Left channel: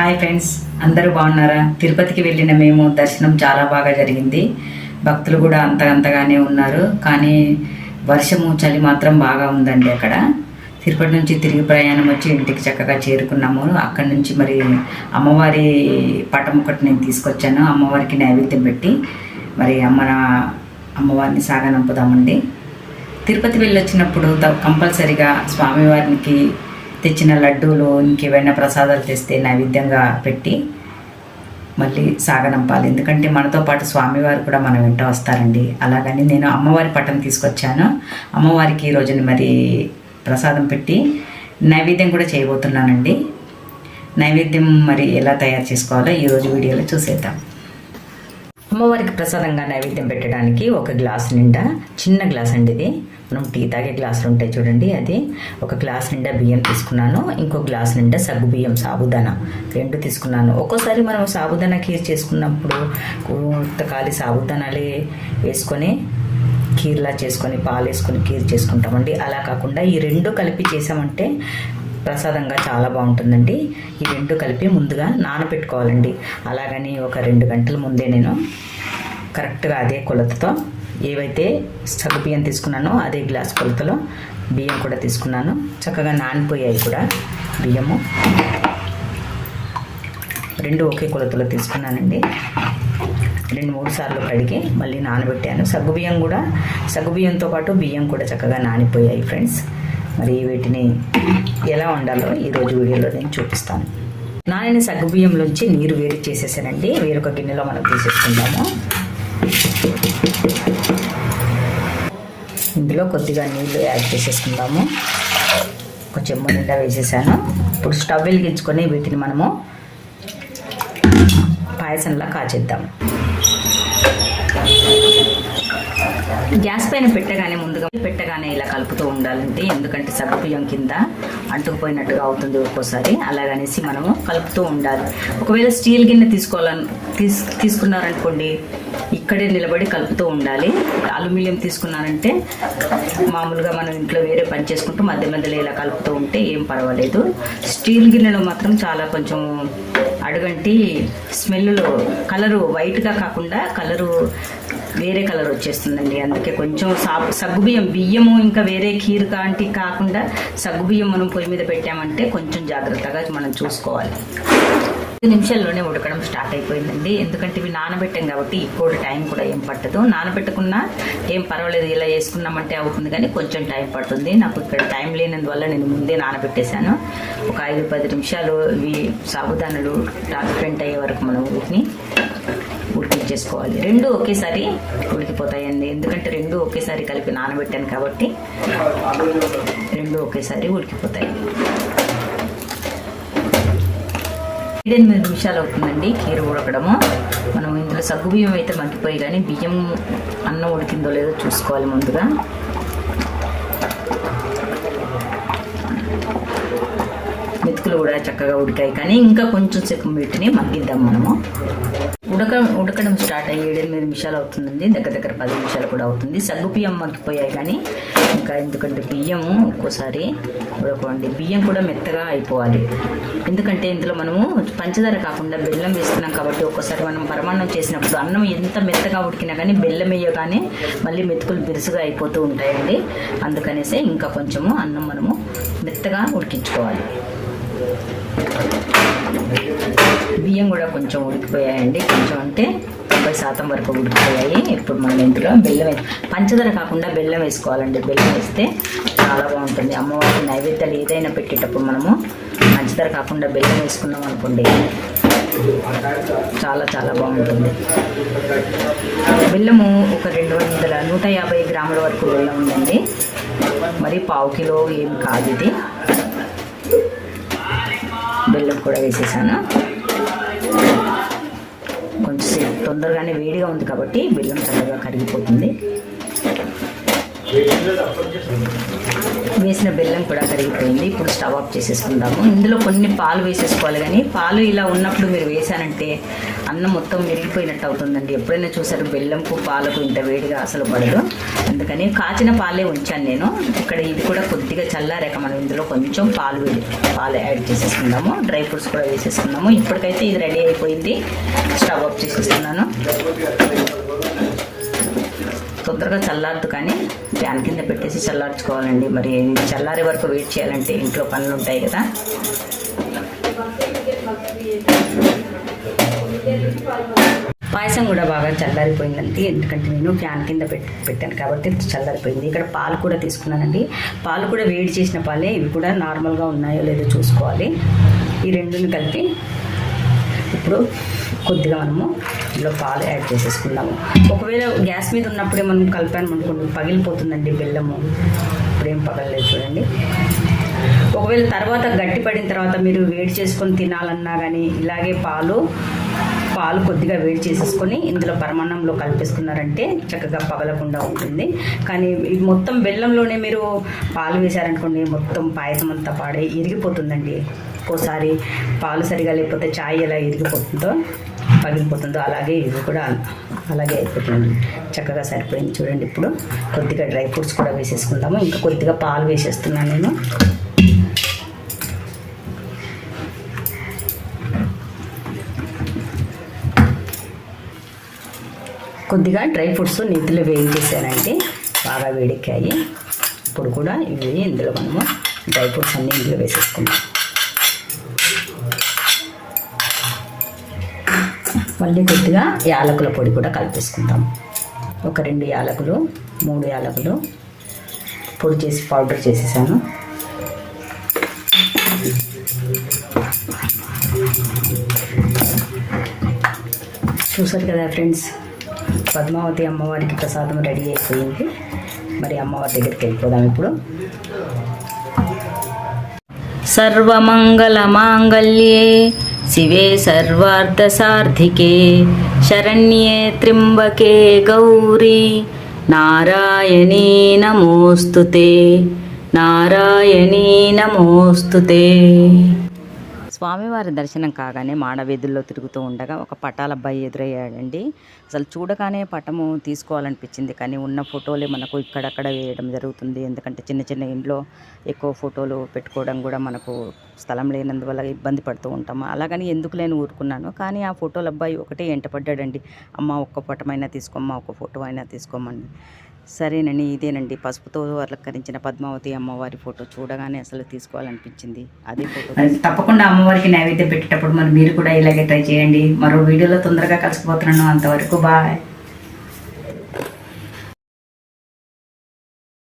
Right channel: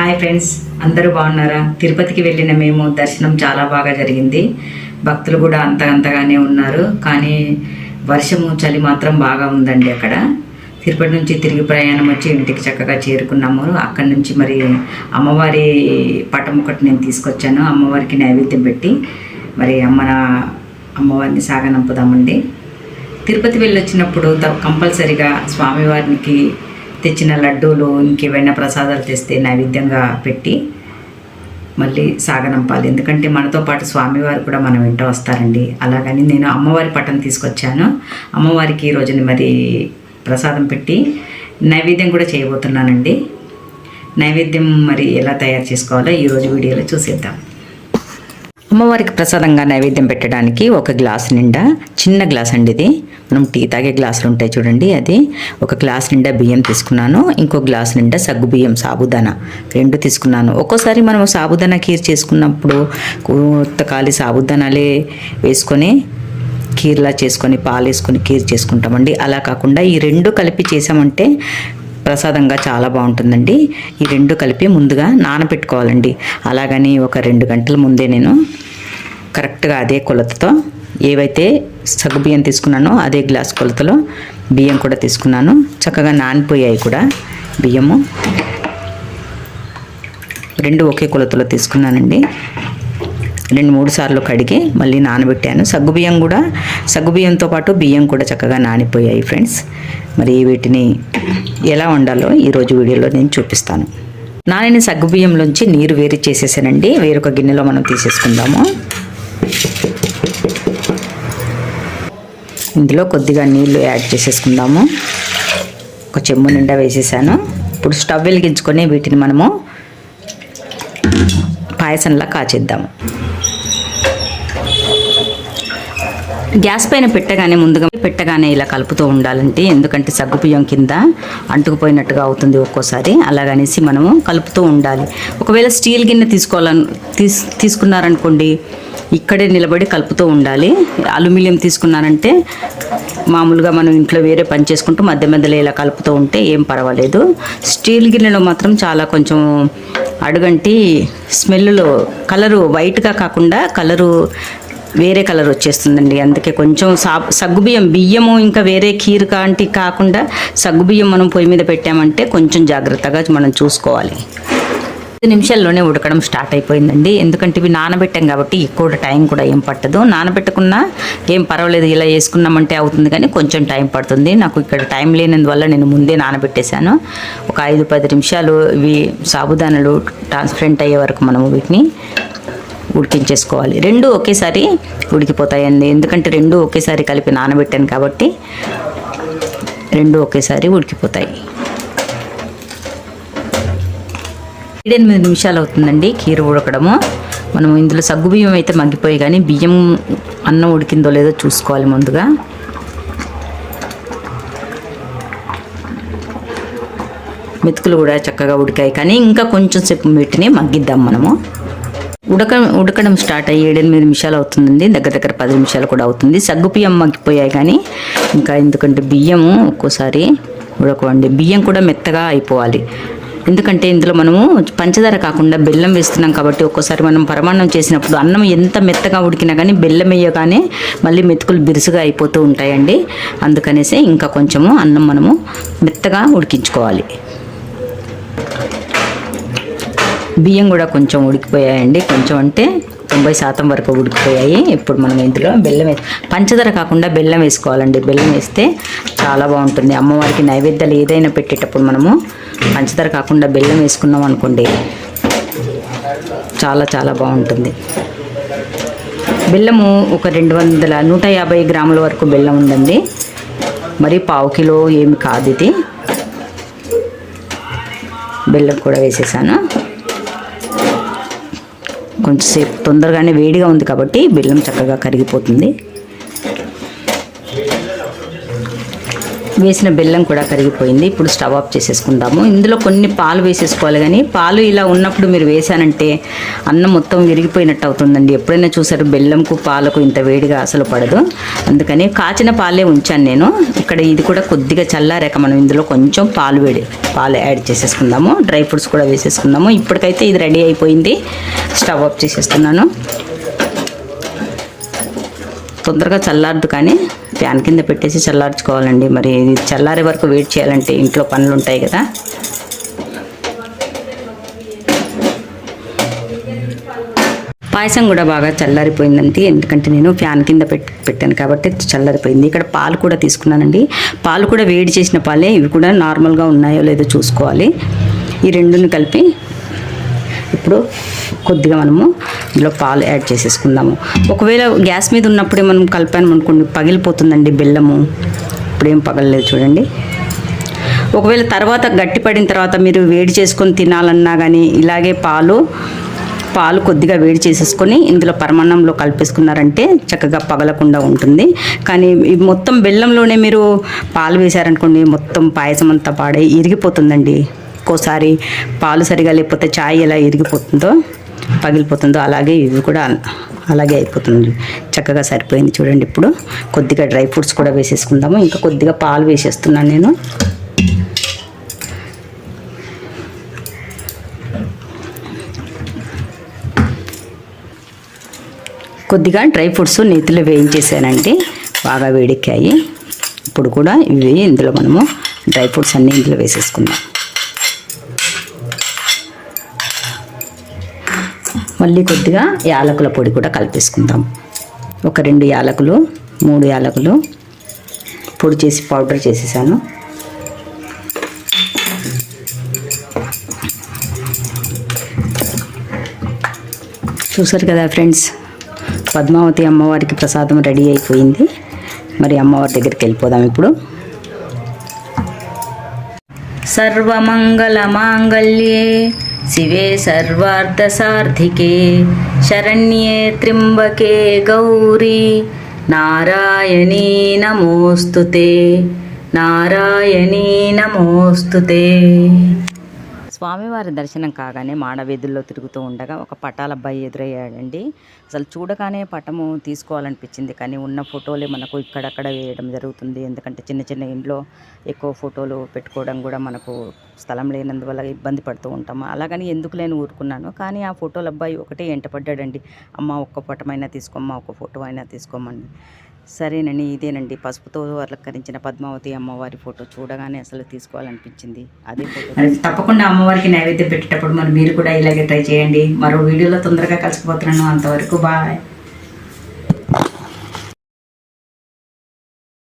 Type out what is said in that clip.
Hi friends అందరూ బాగున్నారా? తిరుపతికి వెళ్ళిన మేము దర్శనం చాలా బాగా జరిగింది. భక్తులు కూడా అంత అంతగానే ఉన్నారు. కానీ వర్షము చలి మాత్రం బాగా ఉందండి అక్కడ. తిరుపతి నుంచి తిరిగి ప్రయాణం వచ్చి ఇంటికి చక్కగా చేరుకున్నాము. అక్కడి నుంచి మరి అమ్మవారి పటం ఒకటి నేను తీసుకొచ్చాను. అమ్మవారికి నైవేద్యం పెట్టి మరి అమ్మ అమ్మవారిని సాగనంపుదామండి. తిరుపతి వెళ్ళొచ్చినప్పుడు త- కంపల్సరిగా స్వామివారికి తెచ్చిన లడ్డూలు ఇంకేవైనా ప్రసాదాలు తెస్తే నైవేద్యంగా పెట్టి మళ్ళీ సాగనంపాలి. ఎందుకంటే మనతో పాటు స్వామివారు కూడా మన వెంట వస్తారండి. అలాగని నేను అమ్మవారి పటం తీసుకొచ్చాను. అమ్మవారికి ఈ రోజుని మరి ప్రసాదం పెట్టి నైవేద్యం కూడా చేయబోతున్నానండి. నైవేద్యం మరి ఎలా తయారు చేసుకోవాలో ఈరోజు వీడియోలో చూసేద్దాం. అమ్మవారికి ప్రసాదంగా నైవేద్యం పెట్టడానికి ఒక గ్లాస్ నిండా చిన్న గ్లాస్ అండి ఇది. మనం టీ తాగే గ్లాసులు ఉంటాయి చూడండి అది. ఒక గ్లాస్ నిండా బియ్యం తీసుకున్నాను ఇంకో గ్లాస్ నిండా సగ్గు బియ్యం సాబుదానా. రెండు తీసుకున్నాను. ఒక్కోసారి మనం సాబుదానా కీర్ చేసుకున్నప్పుడు కొత్త ఖాళీ సాబుదానాలే వేసుకొని కీర్లా చేసుకొని పాలు వేసుకొని కీర్ చేసుకుంటామండి. అలా కాకుండా ఈ రెండు కలిపి చేసామంటే ప్రసాదంగా చాలా బాగుంటుందండి. ఈ రెండు కలిపి ముందుగా నానబెట్టుకోవాలండి. అలాగని ఒక రెండు గంటల ముందే నేను కరెక్ట్గా అదే కొలతతో ఏవైతే సగ్గు బియ్యం తీసుకున్నానో అదే గ్లాస్ కొలతలో బియ్యం కూడా తీసుకున్నాను. చక్కగా నానిపోయాయి కూడా బియ్యము. రెండు ఒకే కొలతలో తీసుకున్నానండి. రెండు మూడు సార్లు కడిగి మళ్ళీ నానబెట్టాను. సగ్గుబియ్యం కూడా సగ్గుబియ్యంతో పాటు బియ్యం కూడా చక్కగా నానిపోయాయి ఫ్రెండ్స్. మరి వీటిని ఎలా వండాలో ఈరోజు వీడియోలో నేను చూపిస్తాను. నానిన సగ్గుబియ్యంలోంచి నీరు వేరు చేసేసానండి. వేరొక గిన్నెలో మనం తీసేసుకుందాము. ఇందులో కొద్దిగా నీళ్ళు యాడ్ చేసేసుకుందాము. ఒక చెంబు నిండా వేసేసాను. ఇప్పుడు స్టవ్ వెలిగించుకొని వీటిని మనము పాయసంలా కాచేద్దాం. గ్యాస్ పైన పెట్టగానే ముందుగా పెట్టగానే ఇలా కలుపుతూ ఉండాలంటే ఎందుకంటే సగ్గుబియ్యం కింద అంటుకుపోయినట్టుగా అవుతుంది ఒక్కోసారి. అలాగనేసి మనము కలుపుతూ ఉండాలి. ఒకవేళ స్టీల్ గిన్నె తీసుకోవాలని తీస్ తీసుకున్నారనుకోండి ఇక్కడే నిలబడి కలుపుతూ ఉండాలి. అల్యూమినియం తీసుకున్నారంటే మామూలుగా మనం ఇంట్లో వేరే పని చేసుకుంటూ మధ్య మధ్యలో ఇలా కలుపుతూ ఉంటే ఏం పర్వాలేదు. స్టీల్ గిన్నెలో మాత్రం చాలా కొంచెం అడుగంటి స్మెల్లో కలరు వైట్గా కాకుండా కలరు వేరే కలర్ వచ్చేస్తుందండి. అందుకే కొంచెం సా సగ్గుబియ్యం బియ్యము ఇంకా వేరే కీరు కాంటి కాకుండా సగ్గుబియ్యం మనం పొయ్యి మీద పెట్టామంటే కొంచెం జాగ్రత్తగా మనం చూసుకోవాలి. ఐదు నిమిషాల్లోనే ఉడకడం స్టార్ట్ అయిపోయిందండి. ఎందుకంటే ఇవి నానబెట్టాం కాబట్టి ఎక్కువ టైం కూడా ఏం పట్టదు. నానబెట్టకున్నా ఏం పర్వాలేదు ఇలా వేసుకున్నామంటే అవుతుంది కానీ కొంచెం టైం పడుతుంది. నాకు ఇక్కడ టైం లేనందువల్ల నేను ముందే నానబెట్టేశాను. ఒక ఐదు పది నిమిషాలు ఇవి సాబుదానలు ట్రాన్స్పరెంట్ అయ్యే వరకు మనము వీటిని ఉడికించేసుకోవాలి. రెండు ఒకేసారి ఉడికిపోతాయండి. ఎందుకంటే రెండు ఒకేసారి కలిపి నానబెట్టాను కాబట్టి రెండు ఒకేసారి ఉడికిపోతాయి. ఏడెనిమిది నిమిషాలు అవుతుందండి కీర ఉడకడము. మనం ఇందులో సగ్గు బియ్యం అయితే మగ్గిపోయి కానీ బియ్యం అన్నం ఉడికిందో లేదో చూసుకోవాలి ముందుగా. మెతుకులు కూడా చక్కగా ఉడికాయి. కానీ ఇంకా కొంచెం సేపు వీటిని మగ్గిద్దాం మనము. ఉడక ఉడకడం స్టార్ట్ అయ్యి ఏడెనిమిది నిమిషాలు అవుతుందండి దగ్గర దగ్గర పది నిమిషాలు కూడా అవుతుంది. సగ్గు బియ్యం మగ్గిపోయాయి కానీ ఇంకా ఎందుకంటే బియ్యము ఒక్కోసారి ఉడకవండి. బియ్యం కూడా మెత్తగా అయిపోవాలి. ఎందుకంటే ఇందులో మనము పంచదార కాకుండా బెల్లం వేస్తున్నాం కాబట్టి ఒక్కోసారి మనం పరమాన్నం చేసినప్పుడు అన్నం ఎంత మెత్తగా ఉడికినా కానీ బెల్లం వేయగానే మళ్ళీ మెతుకులు బిరుసుగా అయిపోతూ ఉంటాయండి. అందుకనేసి ఇంకా కొంచెము అన్నం మనము మెత్తగా ఉడికించుకోవాలి. బియ్యం కూడా కొంచెం ఉడికిపోయాయండి. కొంచెం అంటే తొంభై శాతం వరకు ఉడికిపోయాయి. ఇప్పుడు మనం ఇందులో బెల్లం వే పంచదార కాకుండా బెల్లం వేసుకోవాలండి. బెల్లం వేస్తే చాలా బాగుంటుంది. అమ్మవారికి నైవేద్యాలు ఏదైనా పెట్టేటప్పుడు మనము పంచదార కాకుండా బెల్లం వేసుకున్నాం అనుకోండి చాలా చాలా బాగుంటుంది. బెల్లము ఒక రెండు వందల నూట యాభై గ్రాముల వరకు బెల్లం ఉందండి. మరి పావు కిలో ఏమి కాదు ఇది. బెల్లం కూడా వేసేసాను. కొంచెంసేపు తొందరగానే వేడిగా ఉంది కాబట్టి బెల్లం చక్కగా కరిగిపోతుంది. వేసిన బెల్లం కూడా కరిగిపోయింది. ఇప్పుడు స్టవ్ ఆఫ్ చేసేసుకుందాము. ఇందులో కొన్ని పాలు వేసేసుకోవాలి కానీ పాలు ఇలా ఉన్నప్పుడు మీరు వేసానంటే అన్నం మొత్తం విరిగిపోయినట్టు అవుతుందండి. ఎప్పుడైనా చూసారు? బెల్లంకు పాలకు ఇంత వేడిగా అసలు పడదు. అందుకని కాచిన పాలే ఉంచాను నేను. ఇక్కడ ఇది కూడా కొద్దిగా చల్లారాక మనం ఇందులో కొంచెం పాలు వేడి పాలు యాడ్ చేసేసుకుందాము. డ్రై ఫ్రూట్స్ కూడా వేసేసుకుందాము. ఇప్పటికైతే ఇది రెడీ అయిపోయింది. స్టవ్ ఆఫ్ చేసేస్తున్నాను. తొందరగా చల్లారదు కానీ ఫ్యాన్ కింద పెట్టేసి చల్లార్చుకోవాలండి. మరి ఇది చల్లారే వరకు వెయిట్ చేయాలంటే ఇంట్లో పనులు ఉంటాయి కదా. పాయసం కూడా బాగా చల్లారిపోయిందండి. ఎందుకంటే నేను ఫ్యాన్ కింద పెట్టి పెట్టాను కాబట్టి చల్లారిపోయింది. ఇక్కడ పాలు కూడా తీసుకున్నానండి. పాలు కూడా వేడి చేసిన పాలే ఇవి కూడా నార్మల్గా ఉన్నాయో లేదో చూసుకోవాలి. ఈ రెండుని కలిపి ఇప్పుడు కొద్దిగా మనము ఇందులో పాలు యాడ్ చేసేసుకుందాము. ఒకవేళ గ్యాస్ మీద ఉన్నప్పుడే మనం కలిపాను అనుకోండి పగిలిపోతుందండి బెల్లము. ఇప్పుడేం పగలలేదు చూడండి. ఒకవేళ తర్వాత గట్టిపడిన తర్వాత మీరు వేడి చేసుకొని తినాలన్నా కానీ ఇలాగే పాలు పాలు కొద్దిగా వేడి చేసేసుకొని ఇందులో పరమాన్నంలో కలిపేసుకున్నారంటే చక్కగా పగలకుండా ఉంటుంది. కానీ మొత్తం బెల్లంలోనే మీరు పాలు వేశారనుకోండి మొత్తం పాయసం అంతా పాడే ఇరిగిపోతుందండి. ఒక్కోసారి పాలు సరిగా లేకపోతే చాయ్ ఎలా ఇరిగిపోతుందో పగిలిపోతుందో అలాగే ఇవి కూడా అలాగే అయిపోతుంది చక్కగా సరిపోయింది చూడండి ఇప్పుడు. కొద్దిగా డ్రై ఫ్రూట్స్ కూడా వేసేసుకుందాము. ఇంకా కొద్దిగా పాలు వేసేస్తున్నాను నేను. కొద్దిగా డ్రై ఫ్రూట్స్ నీతిలో వేయించేసానంటే బాగా వేడెక్కాయి. ఇప్పుడు కూడా ఇవి ఇందులో మనము డ్రై ఫ్రూట్స్ అన్నీ ఇందులో వేసేసుకుందాం. మళ్ళీ కొద్దిగా యాలకుల పొడి కూడా కలిపేసుకుందాం. ఒక రెండు యాలకులు మూడు యాలకులు పొడి చేసి పౌడర్ చేసేసాను. చూసారు కదా ఫ్రెండ్స్ పద్మావతి అమ్మవారికి ప్రసాదం రెడీ అయిపోయింది. మరి అమ్మవారి దగ్గరికి వెళ్ళిపోదాం ఇప్పుడు. సర్వమంగళ మాంగళ్యే శివే సర్వార్థ సార్థికే శరణ్యే త్రింబకే గౌరీ నారాయణీ నమోస్తుతే నారాయణీ నమోస్తుతే స్వామివారి దర్శనం కాగానే మాడవీధుల్లో తిరుగుతూ ఉండగా ఒక పటాల అబ్బాయి ఎదురయ్యాడండి. అసలు చూడగానే పటము తీసుకోవాలనిపించింది. కానీ ఉన్న ఫోటోలే మనకు ఇక్కడక్కడ వేయడం జరుగుతుంది. ఎందుకంటే చిన్న చిన్న ఇంట్లో ఎక్కువ ఫోటోలు పెట్టుకోవడం కూడా మనకు స్థలం లేనందువల్ల ఇబ్బంది పడుతూ ఉంటాము. అలాగని ఎందుకు లేని ఊరుకున్నాను. కానీ ఆ ఫోటోల అబ్బాయి ఒకటే ఎంటపడ్డాడండి. అమ్మ ఒక్క పటమైనా తీసుకోమ్మా ఒక్క ఫోటో అయినా తీసుకోమని సరేనండి ఇదేనండి. పసుపుతో అలంకరించిన పద్మావతి అమ్మవారి ఫోటో చూడగానే అసలు తీసుకోవాలనిపించింది. అదే ఫోటో తప్పకుండా అమ్మవారికి నైవేద్యం పెట్టేటప్పుడు మరి మీరు కూడా ఇలాగే ట్రై చేయండి. మరో వీడియోలో తొందరగా కలిసిపోతున్నాను. అంతవరకు బాయ్.